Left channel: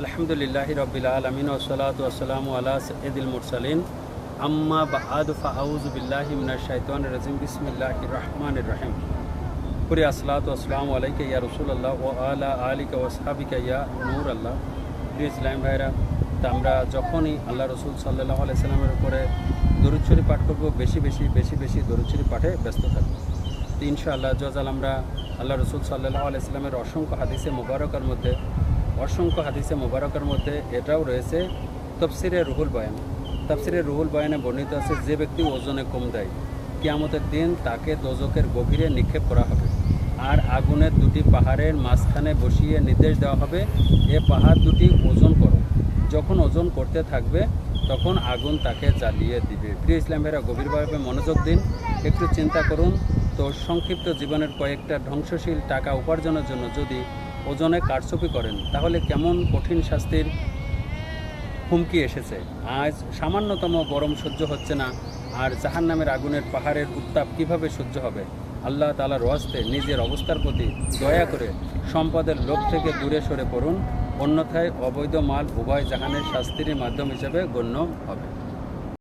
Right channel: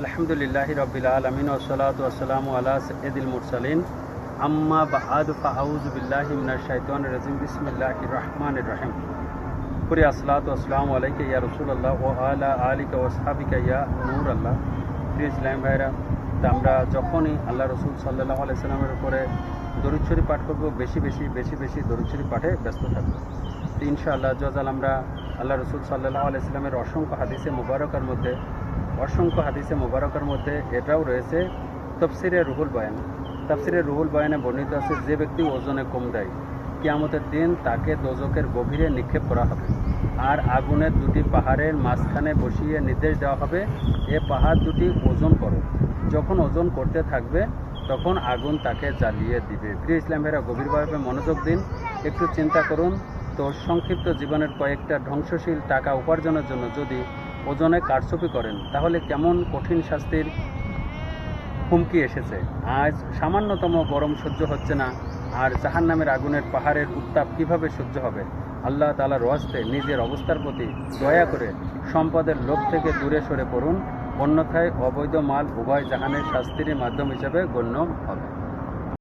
আলহামদুলিল্লাহি রাব্বিল আলামিন ওয়াসসালাতু ওয়াসসালামু আলা সাইয়্যিদিল মুরসালিন আম্মা বা'দু ফাআউযু বিল্লাহি মিনাশ শাইতানির রাজিম বিসমিল্লাহির রহমানির রহিম। পুরি আসসালাতু ওয়াসসালামু আলাইকা ইয়া রাসূলুল্লাহ ওয়া আলা আলিকা ওয়া আসহাবিকা ইয়া নূর আল্লাহ। প্রিয় ইসলাম ভাইরা, তা আমরা যখনই আল্লাহ রসুল সাল্লাল্লাহু আলাইহি সাল্লামের উপরে দরুদ শরীফ পাঠ করব, বেশি বেশি দরুদ শরীফ পাঠে ব্যস্ত থাকবো। তো ইনশাআল্লাহ জজাল আমরা আল্লাহ রসুল সাল্লাল্লাহু আলাইহি সাল্লামের অসংখ্য হাদিসে মুবারকার মধ্যে এটাও রয়েছে তাফসিরে রুহুল বয়ান। তাফসিরে রুহুল বয়ানে বর্ণিত আছে, যে ব্যক্তি ওজনে কম দেয় কিয়ামতের দিন তাকে দোজখের গভীরে নিক্ষেপ করা হবে, আর আগুনের দুটি পাহাড়ের মাঝখানে বসিয়ে নির্দেশ দেওয়া হবে, এ পাহাড় দুটি ওজন করো। যখন ওজন করতে থাকবে তখন আগুন তাকে জ্বালিয়ে দিবে। প্রিয় ইসলাম ভাইরা, গভীরভাবে মনোযোগ দিন, একটু চিন্তা করুন তো। সংক্ষিপ্ত জীবনের কয়েকটা ধ্বংসশীল টাকা উপার্জনের জন্য যদি ওজনে কারচুপি করেন, তাহলে কেমন কঠিন শাস্তির হুমকি এসেছে। আজ সামান্যতম গরম সহ্য হচ্ছে না, আর জাহান্নামের আগুনের পাহাড়ের উত্তাপ কিভাবে সহ্য হবে। আল্লাহ তাআলার ওয়াস্তে নিজের অবস্থার প্রতি দয়া করে সম্পদের লোভ থেকে দূরে সরে পড়ুন, অন্যথায় অবৈধ মাল উভয় জাহানের শাস্তির মাধ্যম হিসেবে গণ্য হবে।